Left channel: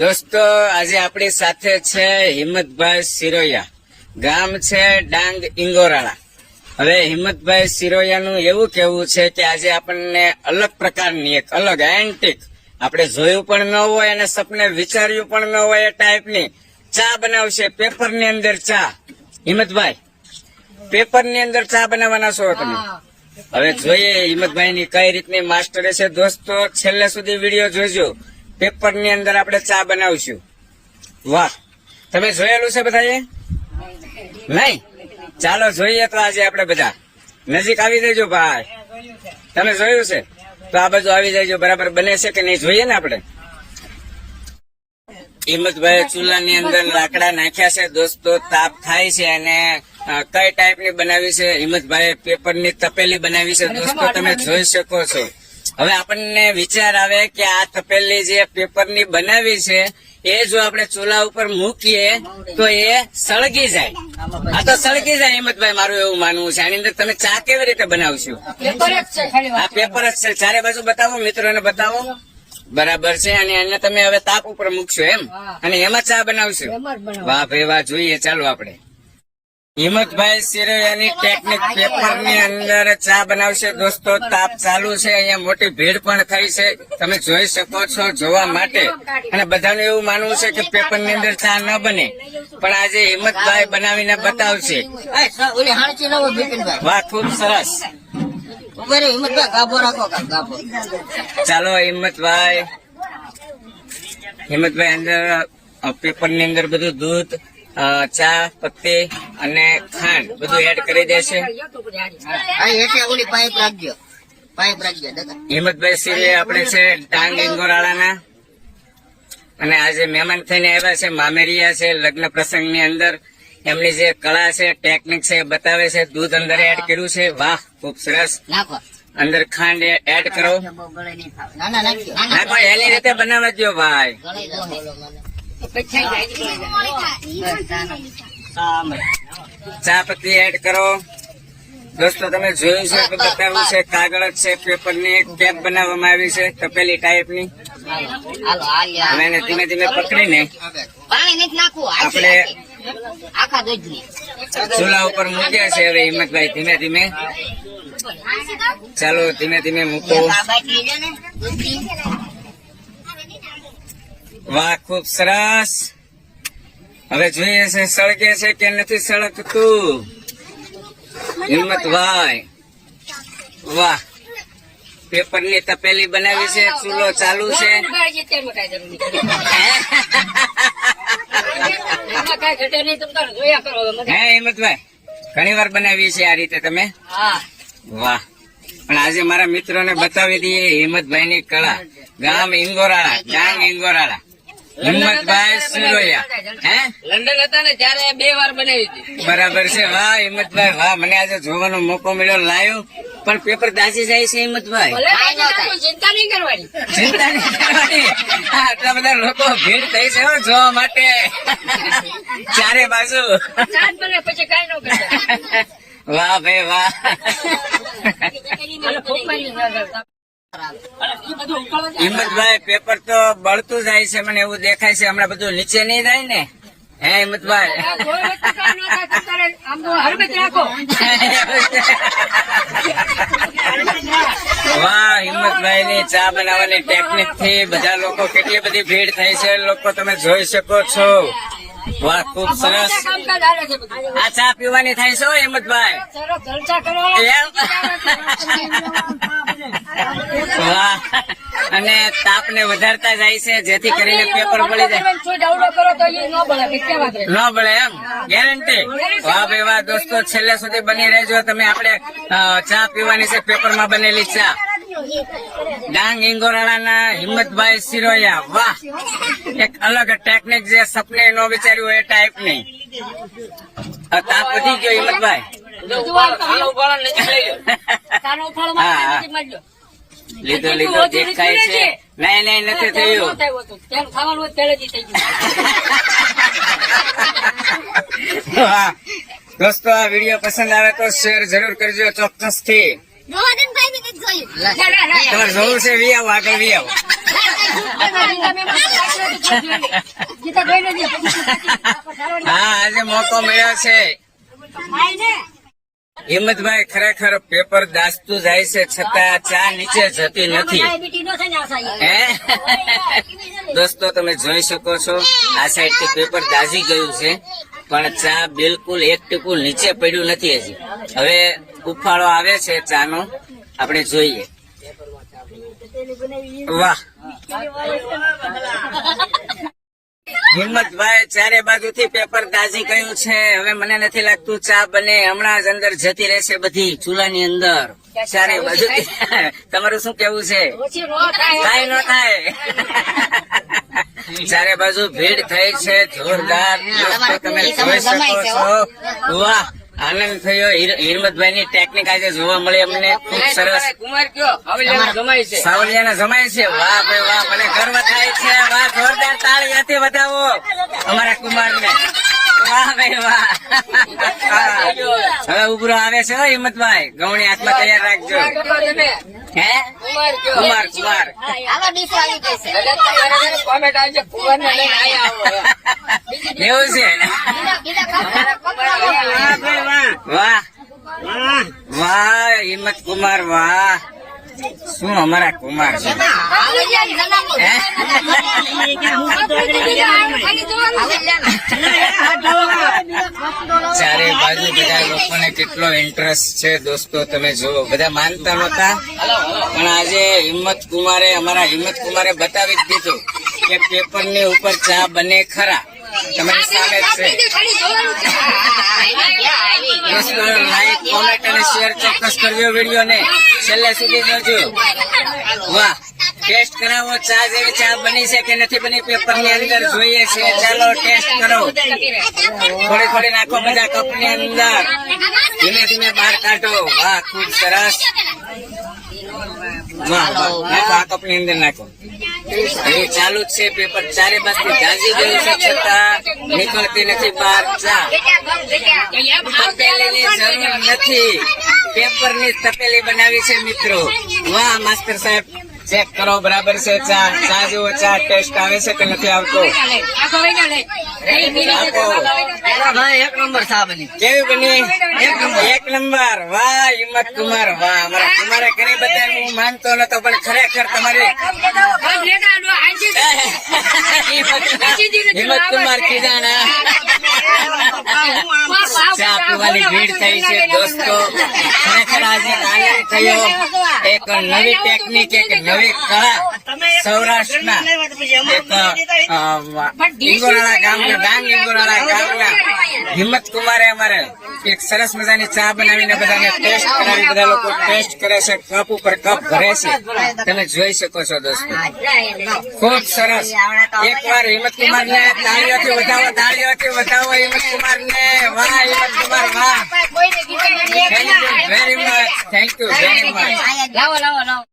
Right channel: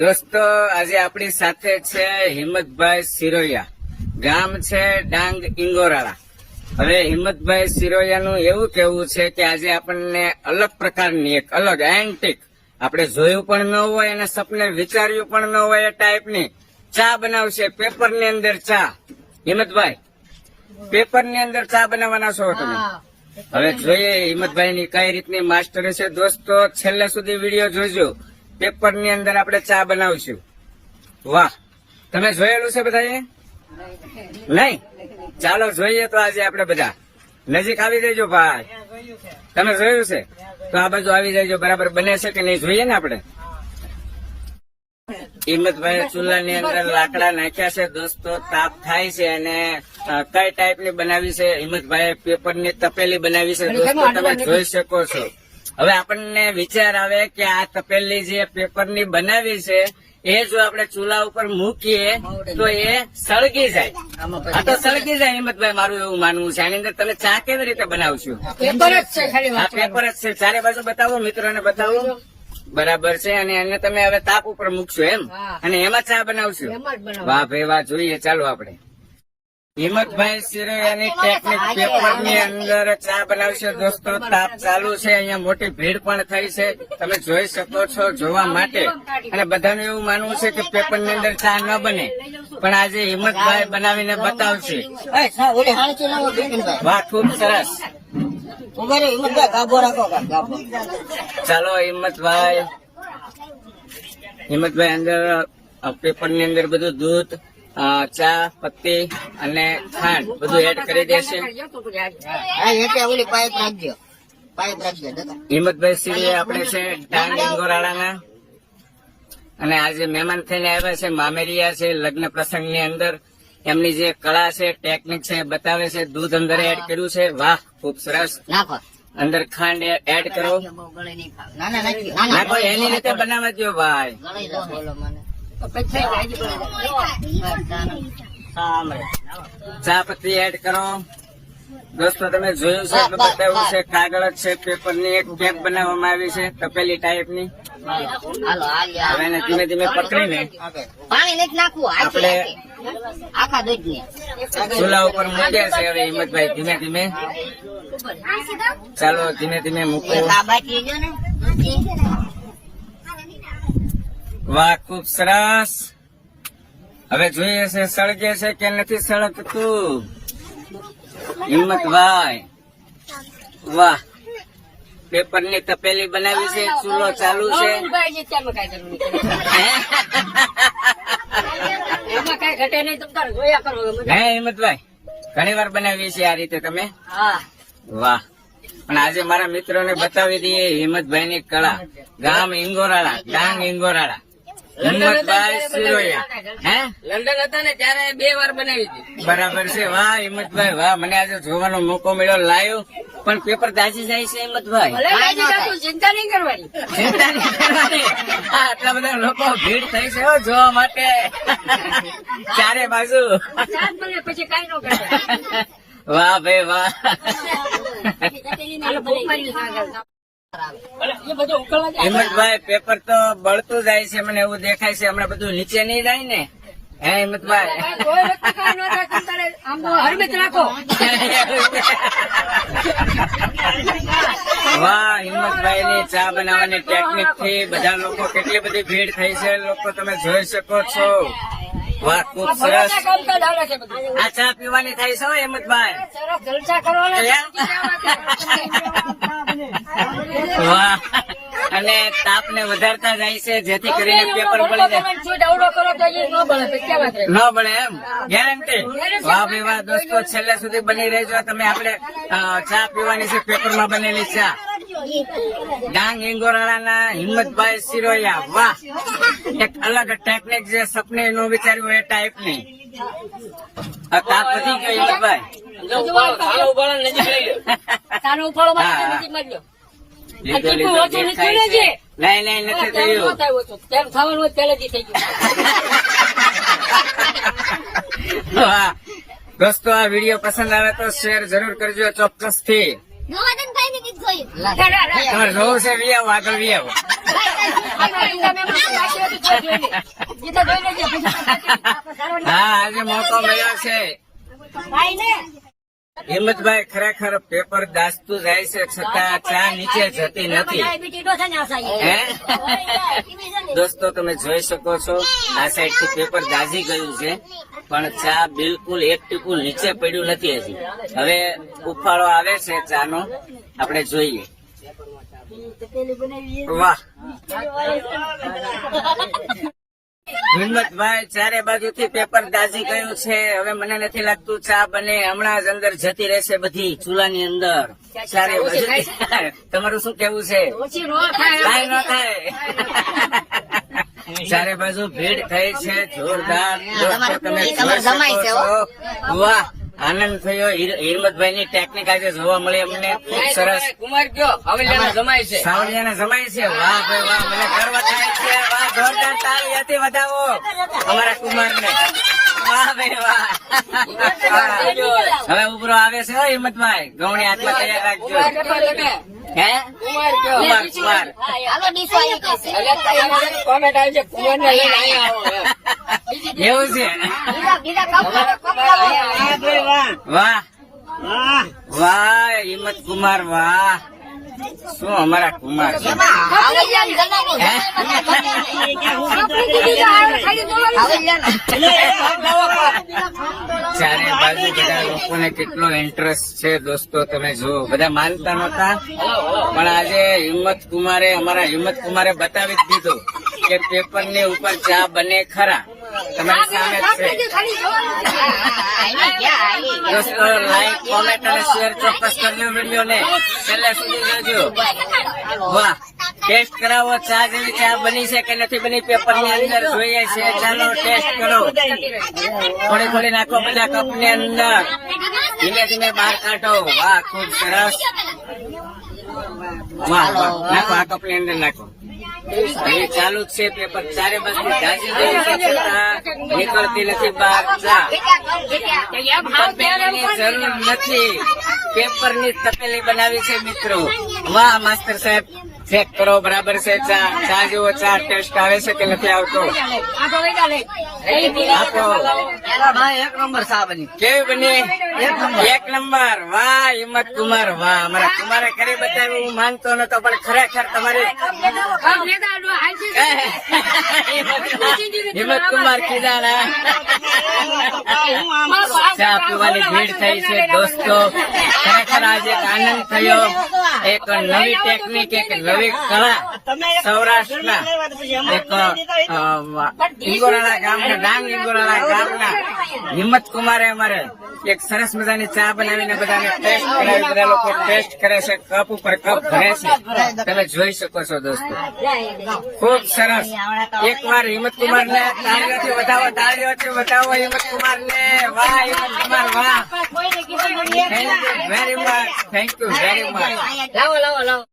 દોસ્તો આજે આપણી સાથે છે હિંમતભાઈ સિરોયા, ગામ છે ડાંગ ઇંગોરાળા। હવે હિંમતભાઈ સિરોયાનું એવું કેવું છે કે આજે આપણને અલગ પ્રકારની એક અલગ એન્ટિક આપણે જોયું પણ ન હોય અને સપને વિચાર્યું પણ ન હોય એ ટાઈપની ચા બનાવશે। પેપર ની અંદર ચા। હિંમતભાઈ, પેપર ની અંદર ચા બનાવવાના છો તમે? હવે જોઈએ હિંમતભાઈ ની કઈ રીતની માસ્ટરી છે। દોસ્તો છેલ્લે સુધી વિડીયો જોજો। પેપર ની અંદર આપણે ચા બનાવશું। વાહ, તમે જોયેલું છે બધાએ? નહીં? ચાલો જોઈએ તો આજે આપણે બધા નજીક આવી જજો ભાઈ। તમે જોયું છે તો આ બાજુ આવી જજો। બરાબર બને છે કે નહીં જોઈએ ને આપણે। હિંમતભાઈ ચૂલા ની અંદર લાકડા નાખ્યા છે દોસ્તો, તાપ થાય છે અને કઈ ટાઈપ ની બનાવી છે હિંમતભાઈ? પેપર ની તપેલી બનાવી છે દોસ્તો, તમે જોઈ શકો છો। હવે આપણને વિચાર આવે કે આ તપેલી જે પેપર ની બનાવી છે એ જો આપણે ચૂલા ઉપર મૂકીએ તો એ સળગી જાય। આ તો સળગી જાય હિંમતભાઈ, મારું એવું માનવું છે। આની અંદર તમે ચા કેવી રીતે બનાવશો? આ પેપર જ છે, ચારે બાજુ બતાવો, મિત્રોને બતાવો। બરાબર છે, અને એને તમે હવે તાપ ઉપર મૂકશો એમ, અને એમાં ચા બનાવશો? વાહ ભાઈ વાહ, જોઈએ ચાલો આપણે। હિંમતભાઈ સિરોયાની ટેકનિક પેપર ની અંદર ચા બનાવશે દોસ્તો। તાપ ચાલુ છે, અહીંયા મોટી ભીડ પણ થઈ છે, તમે જોઈ શકો છો જોવા માટે। અને બધાને એવું માનવું છે કે પેપર ની અંદર ચા ન બને, પણ આજે હિંમતભાઈ બનાવીને બતાવશે। વાહ, ખુબ સરસ। ચાલો હિંમતભાઈ અંદર પેપર ની અંદર બધું દૂધ, ચા પત્તી અને ખાંડ બધું એડ કરી દેશે। હિંમતભાઈ સિરે આપણે છે ડાંગ ઇંગોરાળાના, અને આજે મહેમાન થઈને આવ્યા છે, મામેરિયા છે। લગ્ન પ્રસંગ ની અંદર એમની જે કળા છે, ટેકનિક છે બતાવે છે। દૂધ અંદર એડ કર્યું છે, વાહ ખુબ સરસ। અંદર ખાંડ એડ કરો, નાખો, એની રીતે બનાવે દો ભાઈ। ચા પત્તી એડ કરો દોસ્તો, તમે જોયું છે બતાવ્યું છે। કાગળ જ છે, પેપર ની એક કેપ બનાવવામાં આવી છે તપેલી ટાઈપ ની। હવે એને ધીમે ધીમે પકડીને આપણે ચૂલા ઉપર મૂક્યા છે। હવે હિંમતભાઈ ધીમે ધીમે, ચાલો ધીમે ધીમે મૂકો। વાહ ખુબ સરસ। હવે જોઈએ છે સળગે છે કે નથી સળગતું। હિંમતભાઈ વાહ, પેપર ની તપેલી બનાવી છે, ચૂલો ચાલુ છે। હે હિંમતભાઈ, ઘણી વાર બનાવી છે આ રીતે તમે? વાહ, પણ આજે મારા મિત્રો ને બતાવી દઈએ હિંમતભાઈ ની કળા। ગામ ઇંગોરાળા, ડાંગ ઇંગોરાળા, હિંમતભાઈ સિરોયા। હે, લંડન હતા ને ત્યારે 2 વાર બનાવી હતી। બરાબર છે, વાહ હિંમતભાઈ વાહ, મને આજે જોવાનો મોકો મળ્યો લાઈવ। પણ પેપર દાઝી જાય છે હિંમતભાઈ? ચિંતા નહીં કરવાની, ચિંતા નહીં કરવાની। આટલા બધા લોકો ભીડ થઈ છે જોવા માટે ચારે બાજુ। પછી કઈ ન કરતા। વાહ ભાઈ વાહ। હિંમતભાઈ પેપર તો બળતું જાય છે, મને એવું દેખાય છે। હમણાં બધું નીચે નહીં જાય ને? હે હિંમતભાઈ? વાહ, હિંમતભાઈ ની ચા બનાવવાની ટેકનિક થી બધા લોકો, કેટલી બધી ભીડ થઈ છે લોકો, તમે જોઈ શકો છો। વાહ ખુબ સરસ। આ ચા પીવાની થાય છે હિંમતભાઈ? વાહ, અને તાપ ને વધારતા જાય છે જેથી કરીને પેપર બળી જાય। ન બળે એમ, ગેરંટી? વાહ ભાઈ વાહ દોસ્તો, છેલ્લે સુધી બની રહેજો તમે। આપણે ચા પીવાની છે, પેપર માં બનેલી ચા। ડાંગ ઇંગોરાળાના હિંમતભાઈ સિરોયા, વાહ, એક અલગ ટેકનિક જે સપને ન વિચાર્યું એ ટાઈપ ની। તાપ વધી ગયો હિંમતભાઈ? લીધો લીધો દેખાય છે? નહીં નહીં, નથી થયું। વાહ દોસ્તો, આ વિડીયો પસંદ આવે તો શેર જરૂર કરજો ચોક્કસ થી। જોવું છે વી આવો, આગળ વી આવો। હા આજે મોકો મળ્યો છે. હિંમતભાઈ ખરેખર પેપર દાસતું જાય છે છતાં ચા નીચે જતી નથી. હે? દોસ્તો તમે જોઈ શકો છો આ સાઈડ થી પેપર દાઝી ગયું છે પણ ચા બિલકુલ એક ટીપું નીચે પડ્યું નથી હજી. હવે ઉફાળો આવે છે ચાનો, આપણે જોઈએ. વાહ હિંમતભાઈ ચારે બાજુથી પેપર દાઝી ગયું છે. હવે મને નથી લાગતું ચા બને, હમણાં જ અંદર જતી રહેશે બધી ચૂલાની અંદર ચારે બાજુ. તમારું શું કેવું છે? કાંઈ ન થાય. ચારે બાજુ ભીડ થઈ છે જોરદાર. દોસ્તો તમે જોઈ શકો છો. વાહ આનંદ થયો. હિંમતભાઈ ની ટેકનિક આજે જોવા મળી અમને. ખૂબ સરસ. કુમાર કયો સાવલિયાના જમાય છે. સાવલિયાના જમાય છે. વાહ ભાઈ વાહ, મને ગર્વ થાય છે. વાહ જોરદાર તાળીઓથી વધાવો અમારા કુમારને. વાહ ભાઈ વાહ. હવે ઉભરો આવે છે હો હિંમતભાઈ. ગવણી હાથમાં તૈયાર રાખજો. હે કુમાર કયો કુમાર કુમાર કોમેન્ટ આવી છે કુમારને લઈને અહીંયા આવો. એવું છે. વાહ વાહ હિંમત કુમાર વાહ. શું અમારા કુમાર છે. હે? ચારે બાજુ બધા લોકોને કેટલો ઇન્ટરેસ્ટ છે દોસ્તો તમે જુઓ. બધા માનતા નહોતા પણ આજે હિંમત કુમારે અમારા હિંમત કુમારે બતાવી જ દીધું કે પેપર ની ઉપર ચા બને ખરા. તમારી સામે જ છે. દોસ્તો લાઈક કોમેન્ટ અને શેર ચોક્કસ કરજો વિડીયો ને છેલ્લે સુધી જોજો. વાહ ટેસ્ટ કરાવો ચા જેવી ચા બની છે કે નથી બની પેપર ની અંદર જોઈએ છે. ચાલો ટેસ્ટ કરો. થોડી થોડી નાખો બધા કપ ની અંદર. ધીમે ધીમે બહાર કાઢો. વાહ ખુબ સરસ. વાહ વાહ નાખો આ કપ ની અંદર નાખો. હજી ચાલુ જ છે પેપર. ચારે બાજુ ગાજી ગયું છે છતાં નીકળતી નથી બહાર ચા. તપેલીની જરૂર નથી, પેપર ની તપેલી બનાવી છે મિત્રો. વાહ માસ્ટર સાહેબ ચેક કરો બરાબર છે ચા. ચા જેવો ચા ટેસ્ટ આવે છે કે નથી આવતો? આપો. એક નંબર ચા બની. કેવી બની? એક નંબર. વાહ હિંમત કુમાર વાહ. અમારા કુમારે કરી બતાવ્યું. હું માનતો નતો પણ ખરેખર તમારી હિંમત કુમાર કીધાણા. ચા પીવાની ભીડ થઈ છે દોસ્તો. ખરેખર આજે એક આનંદ થયો. એક નવી ટેકનિક, એક નવી કળા સૌરાષ્ટ્રના એક ઇંગોરાળા ગામના ડાંગ ઇંગોરાળા ગામના હિંમત કુમારે અમારે એક સરસ મજાની ચા બનાવીને બધાને ટેસ્ટ કરાવી. બધા લોકો ટેસ્ટ કરે છે, કપ ઉપર કપ ભરે છે. તમે જોઈ શકો છો દોસ્તો. ખૂબ સરસ. એક વાર હિંમત કુમાર ને તાળીઓથી વધાવો, તાળીઓથી વધાવો હિંમત કુમાર ને. વાહ હિંમત કુમાર વાહ. Thank you very much. Thank you very much. લાવો લાવો લાવો.